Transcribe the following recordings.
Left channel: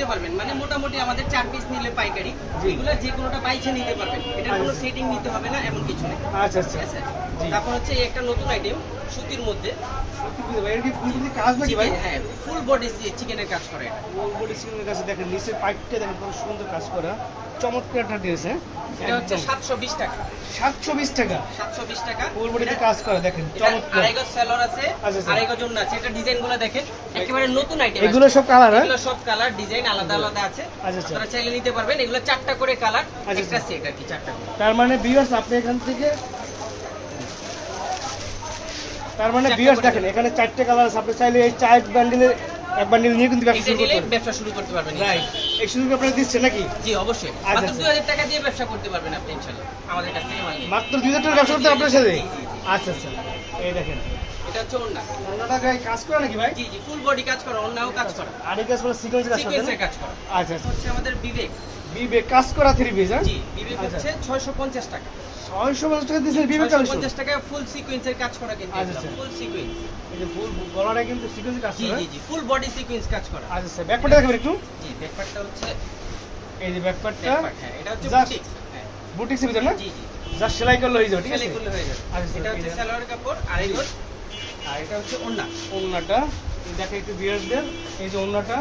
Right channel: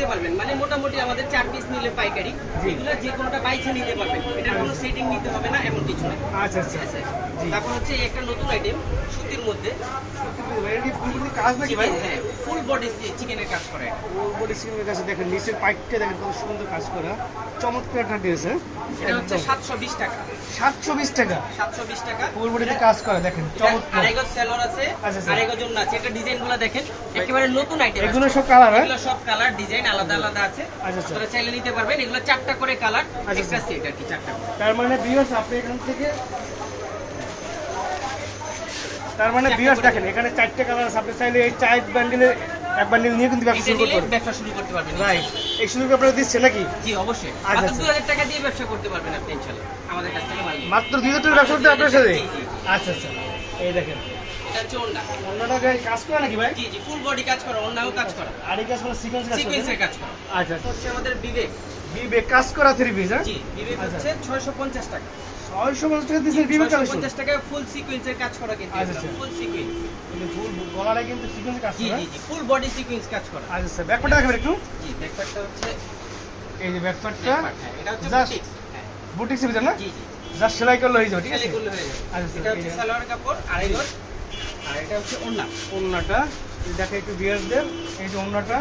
নিতে পারবেন। মানে মোটামুটি আমাদের চার পিস নিলে পাইকারি। যেগুলো যে কোনোটা বাইছে নিতে পারবেন। এটা কোনো সেটিং নিতে হবে না এমন কিছু নেই আচ্ছা আচ্ছা। তারপর হচ্ছে একটা নতুন আইটেম সুতির মধ্যে। হ্যাঁ ফুল বডি চিকেনের কাজ করে। ওর বডি কাছে দেখেন নিচের পাইপটা দেখেন কত সুন্দর কাজ করা। চমৎকার একটা ড্রেস হ্যাঁ? এটা হচ্ছে একদম। সাতশো বিশ টাকা। সাতশো বিশ টাকা? সাতশো বিশ টাকা। ফুল বডিতে কাজ করা দেখেন চমৎকার। আড়াই গজ সেলর আছে আচ্ছা, আচ্ছা। আড়াই গজ অন্য আছে। এটা ডিজাইনগুলো দেখেন একেবারে নতুন আইটেম এগুলো সব কালার হ্যাঁ? এগুলো সব কালার ডিজাইন আলাদা আলাদা আছে। আচ্ছা। আপনারা চাইলে নিতে পারবেন। এগুলো চারটা করে কালার আচ্ছা। সেট আর কি চারটা তার মানে আপনি এখান থেকে তার মানে বিয়ার্স দেখেন এখানে চারটে কালার আছে। আপনি চাইলে এই চার বান্ডিলের এক বান্ডিল নিয়ে কিন্তু ব্যবসা শুরু করতে পারবেন ব্যবসা শুরু করতে পারবেন রাইট এই সুযোগ আপনারা দিচ্ছে নাকি? জি অবশ্যই। আচ্ছা, মাত্র আচ্ছা। দুই হাজার টাকা দিয়ে ব্যবসা করতে পারবেন আপনি ইনশাল্লাহ। আমাদের কাছ থেকে। মাত্র দুই হাজার টাকা ব্যবসা করতে আপনার সাথে। আচ্ছা আচ্ছা। এই দেখেন। এটা অন্যটা গায়ে কাজ করা নাকি ভাই? জি জি ফুল বডি কাজ করা অন্যও কাজ করা। আর এই কাজ মানে সিকোয়েন্স কাজ করা কাজ করা। আচ্ছা আচ্ছা। হচ্ছে আমাদের বিবেক। বিবেক কাজ করা থ্রি পিস হ্যাঁ? জি বিবেক আচ্ছা। হচ্ছে ছয়শো পঞ্চাশ টাকা। ছয়শো পঞ্চাশ টাকা দিচ্ছেন বিবেক ছয়শো কালেকশন টাকায় ফুল সিকোয়েন্সের কাজ করা কিন্তু আচ্ছা, আচ্ছা। ফুল সিকোয়েন্স ফুল গলারে কিন্তু সিকোয়েন্স কাজ করা। জি জি ফুল বডি সিকোয়েন্স কাজ করা। আচ্ছা স্যার ব্যাকপার্টটা দেখাবেন একটু। জি ব্যাকপ্যাকটা হচ্ছে এই যে হ্যাঁ, এটা হচ্ছে হ্যাঁ। বুটিক্সের ভিতরে না? জি জি জাস্ট সেলাই করলে হয়ে যাবে ঠিক আছে? সেলাই করলে হয়ে যাবে। আচ্ছা, এটা হচ্ছে সালোয়ার কাপড় আড়াই গজ আর এটা হচ্ছে ওন্না। ওন্নাটা দেখে একটু বিয়ার্সদের এই যে ওন্নাটা।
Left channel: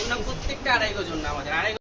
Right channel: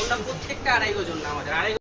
ওন্না প্রত্যেকটা আড়াই গজ ওন্না আমাদের আড়াই